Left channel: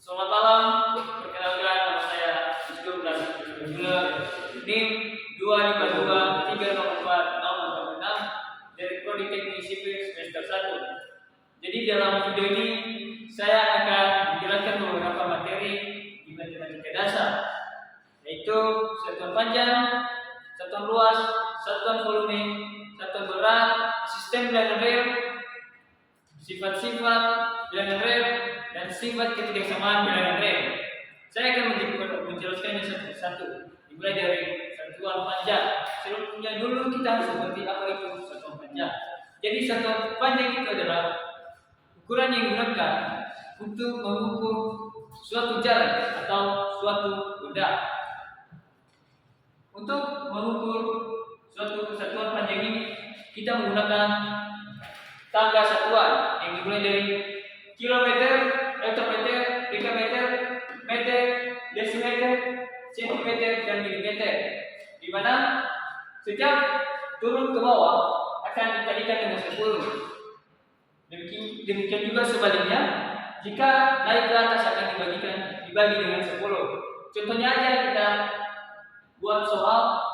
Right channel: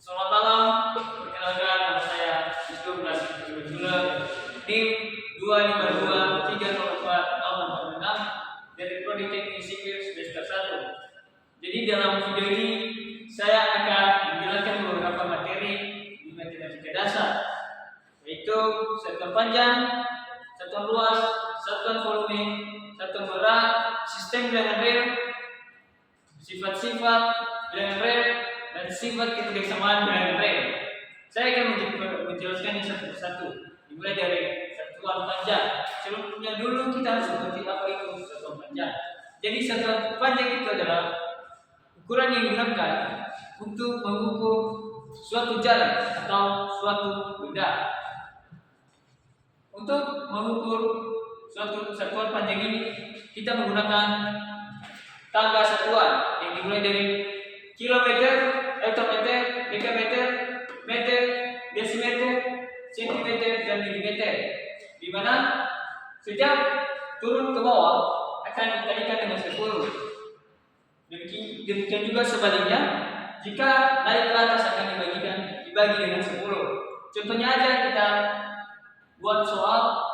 Selamat malam, perkenalkan nama saya Wisnu Prasetyo Jula, NIM 252304046 dari Prodi Teknik Sipil semester 1. Jadi dalam video ini saya akan menjelaskan beberapa materi di matematika dasar, yaitu satuan panjang, satuan luas, satuan volume, satuan berat, sistem bilangan real, sifat-sifat bilangan real, dan sifat ketidaksamaan bilangan real. Saya akan menjelaskannya satu persatu, dimulai dari satuan panjang. Sebelumnya dulu kita harus mengerti apa itu satuan panjang. Jadi satuan panjang itu adalah ukuran yang digunakan untuk mengukur suatu jarak atau suatu benda. Untuk mengukur suatu satuan panjang ini, kita menggunakan tangga satuan yang dimulai dari kilometer, hektometer, dekameter, meter, desimeter, sentimeter, dan milimeter, di mana setiap turun ke bawah akan dikalikan dengan 10. Demikian juga sebaliknya, jika naik ke atas akan dibagi dengan 10. Contohnya aja kita buat soal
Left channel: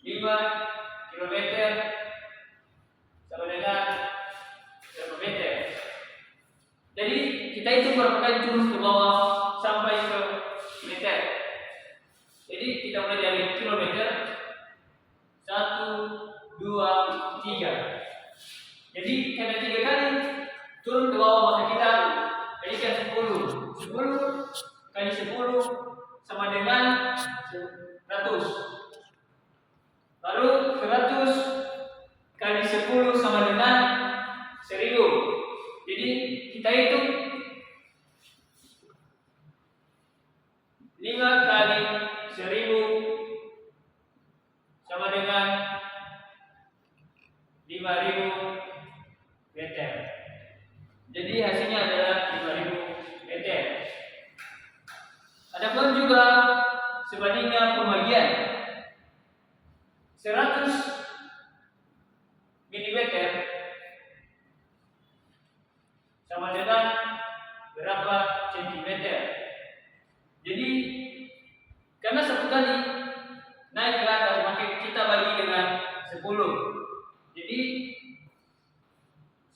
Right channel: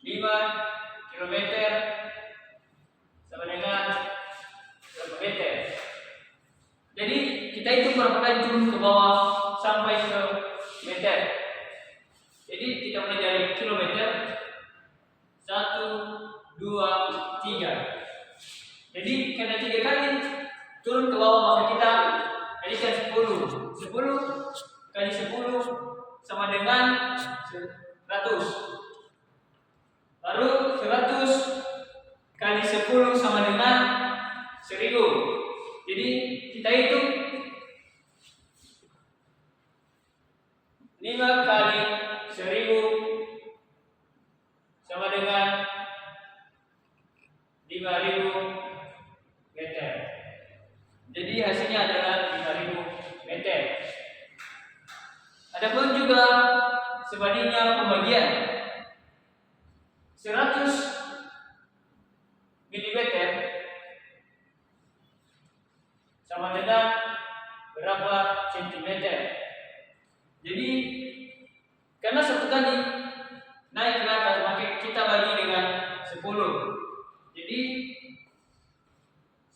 5 kilometer sama dengan berapa meter. Jadi kita hitung berapa kali turun ke bawah sampai ke meter. Jadi kita mulai dari kilometer 1, 2, 3. Jadi karena 3 kali turun ke bawah maka kita kalikan 10. 10 kali 10 sama dengan 100. Lalu 100 kali 10 sama dengan 1000. Jadi kita hitung 5 kali 1000 sama dengan 5000 meter. Jadi hasilnya adalah 5000 meter. Adapun juga sebaliknya pembagian 100 mm sama dengan berapa sentimeter. Jadi karena satu kali naik ke atas maka kita bagi dengan 10. Jadi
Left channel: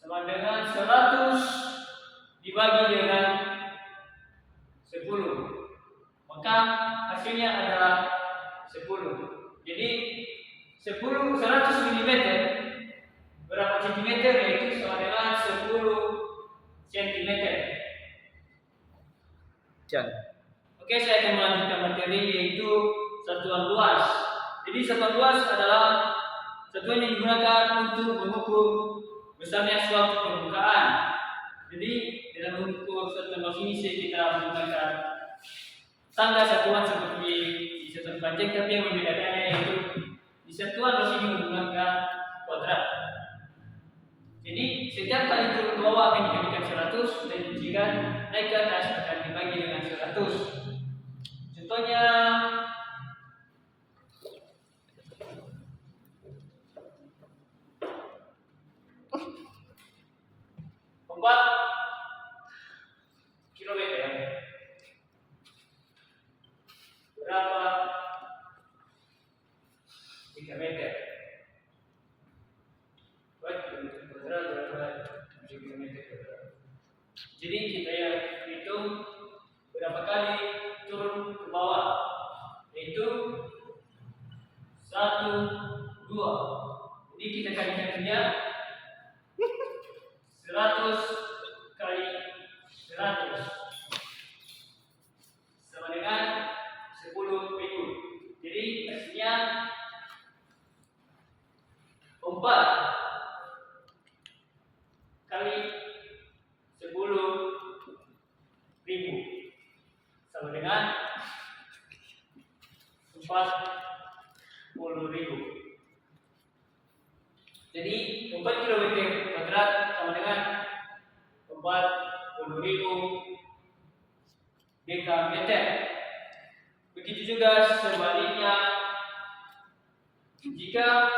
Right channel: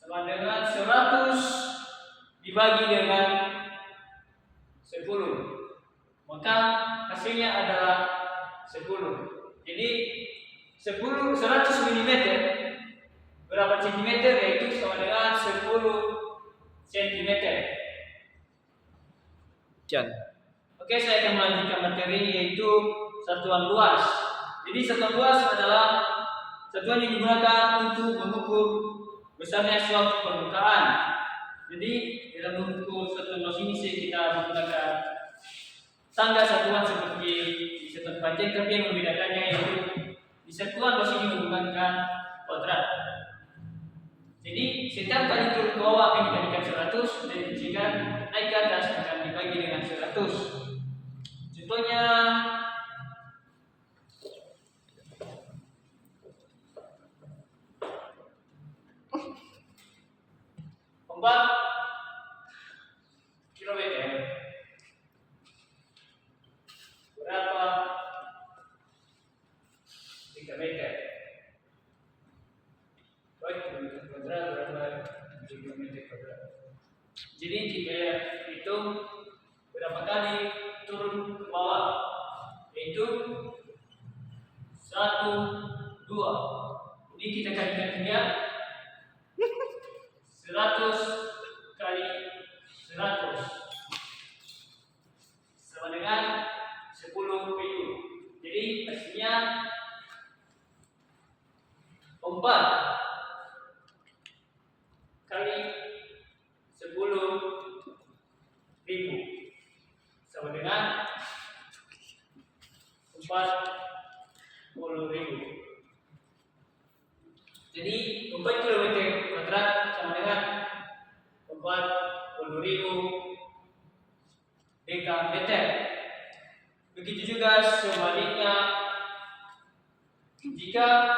sama dengan 100 dibagi dengan 10, maka hasilnya adalah 10. Jadi 100 mm berapa centimeter, yaitu sama dengan 10 cm. Oke, saya akan melanjutkan materi yaitu satuan luas. Jadi satuan luas adalah satuan yang digunakan untuk mengukur besarnya suatu permukaan. Jadi dalam mengukur satuan luas ini kita menggunakan tangga satuan seperti di satuan panjang, tapi yang membedakannya yaitu di satuan luas ini menggunakan kuadrat. Jadi setiap kali turun ke bawah akan dikalikan 100, dan jika naik ke atas akan dibagi dengan 100. Contohnya 4 kilometer berapa dekameter. Kilometer kuadrat berapa kilometer kuadrat. Jadi kita hitung berapa kali turun ke bawah, yaitu 1, 2. Jadi kita kalikan dia 100 kali 100 sama dengan 10.000. Jadi hasilnya 4 kali 10.000 sama dengan 40.000. Jadi 4 km kuadrat sama dengan 40.000 dekameter. Begitu juga sebaliknya, jika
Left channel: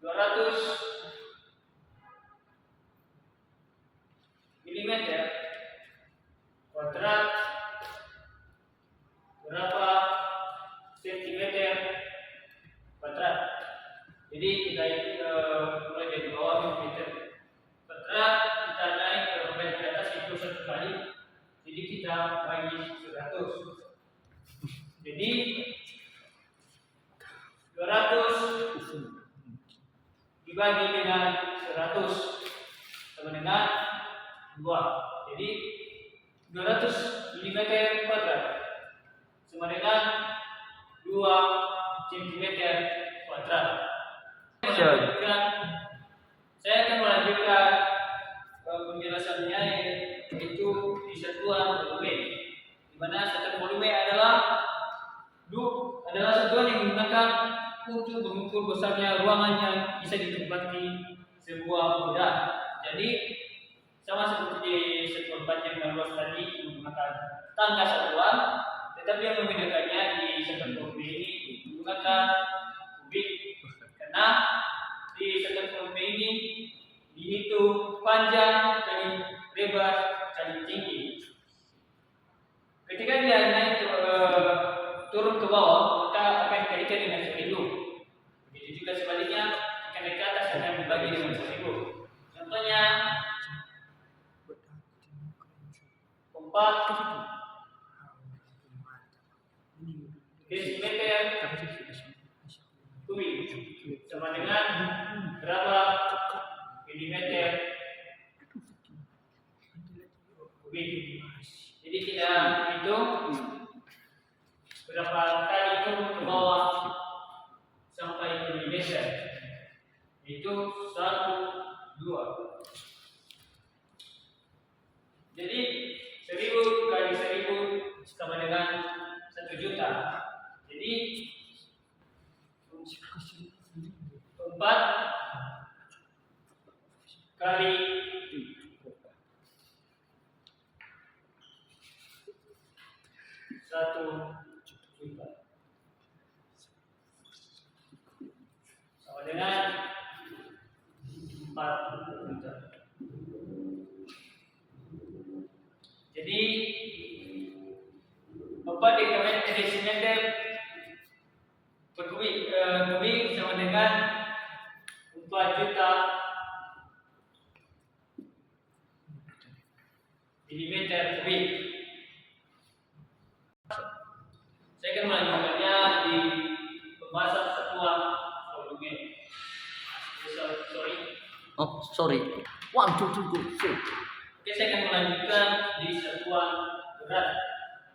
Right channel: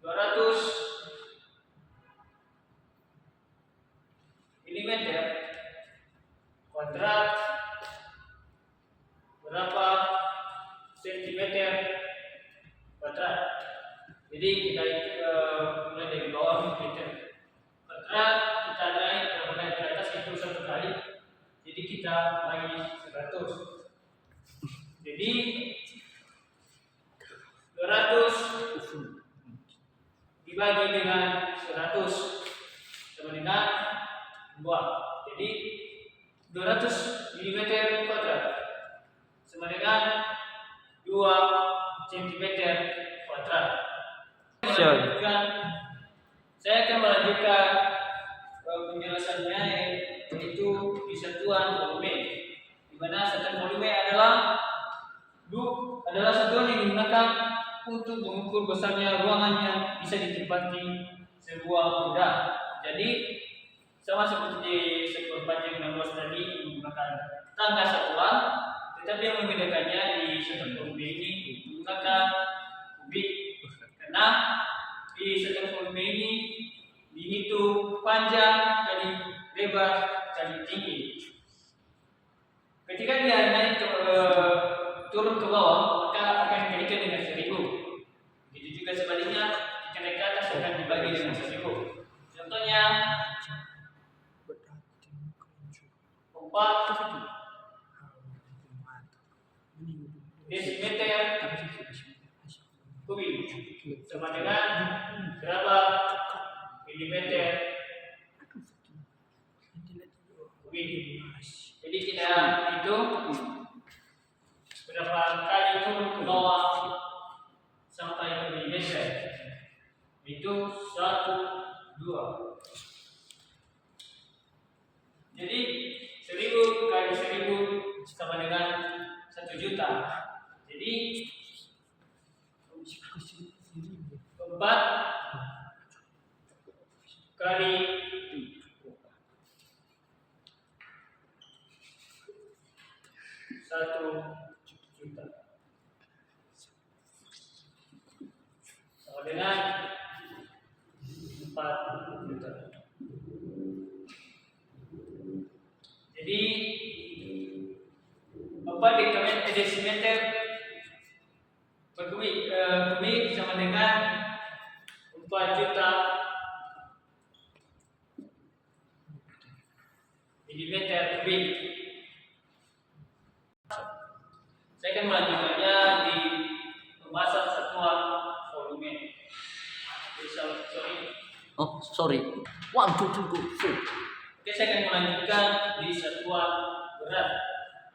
200 milimeter kuadrat berapa sentimeter kuadrat. Jadi kita mulai dari bawah milimeter kuadrat, kita naik ke atas itu 1 kali. Jadi kita bagi 100. Jadi 200 dibagi dengan 100 sama dengan 2. Jadi 200 mm kuadrat sama dengan 2 cm kuadrat. Saya akan melanjutkan penjelasannya, yaitu di satuan volume, di mana satuan volume adalah satuan yang digunakan untuk mengukur besarnya ruangan yang bisa ditempati sebuah benda. Jadi sama seperti di satuan panjang dan luas tadi menggunakan tangga satuan, tetapi yang membedakannya di satuan volume ini menggunakan kubik, karena di satuan volume ini dihitung panjang kali lebar kali tinggi. Ketika dia naik turun ke bawah, maka akan dikalikan dengan 1000. Begitu juga sebaliknya, jika naik ke atas akan dibagi dengan 1000. Contohnya 4 desimeter kubik sama dengan berapa milimeter kubik. Jadi kita hitung berapa kali turun ke bawah sampai ke milimeter. Itu 1, 2. Jadi 1000 kali 1000 sama dengan 1 juta. Jadi 4 kali 1 juta sama dengan 4 juta. Jadi 4 desimeter per kubik sama dengan 4 juta milimeter kubik. Saya akan melanjutkannya di pembahasan satuan volume. Sorry. 1, 2, 3, go. Oke, saya akan melanjutkan di satuan berat,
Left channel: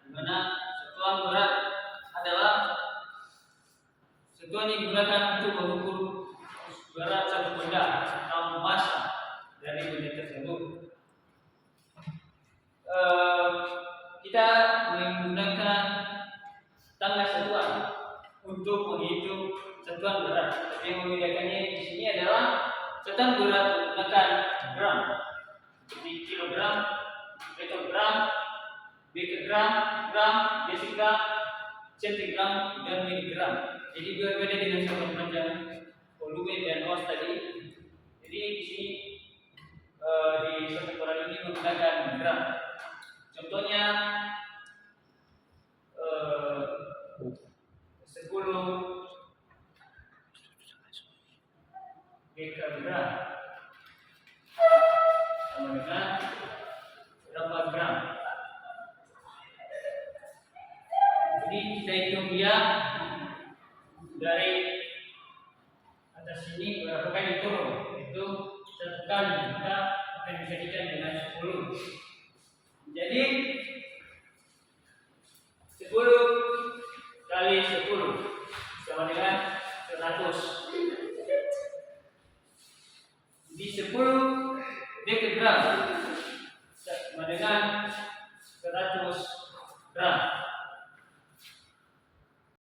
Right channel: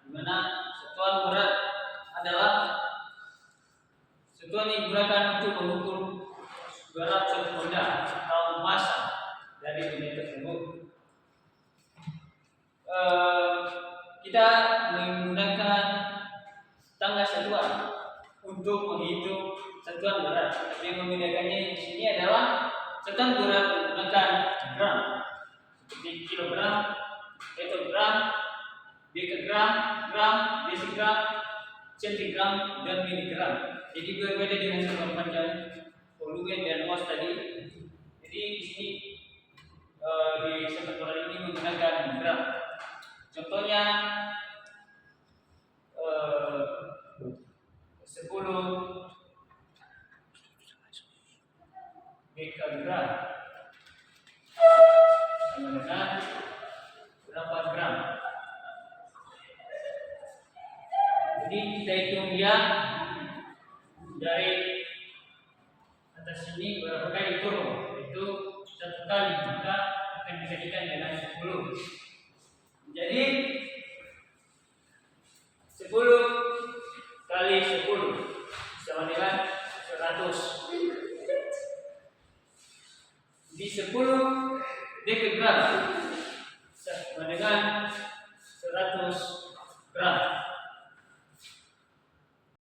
di mana satuan berat adalah satuan yang digunakan untuk mengukur berat suatu benda atau massa dari benda tersebut. Kita menggunakan tangga satuan untuk menghitung satuan berat. Tapi yang membedakannya di sini adalah satuan berat menggunakan gram, seperti kilogram, petogram, dekagram, gram, desigram, centigram, dan miligram. Jadi berbeda dengan satuan panjang, volume, dan luas tadi. Jadi di sini di satuan berat ini menggunakan gram. Contohnya 10 dekagram sama dengan berapa gram. Jadi kita hitung dia dari atas sini berapa kali turun, itu 1 kali, maka akan dijadikan dengan 10. Jadi 10 kali 10 sama dengan 100. Di 10 dekagram sama dengan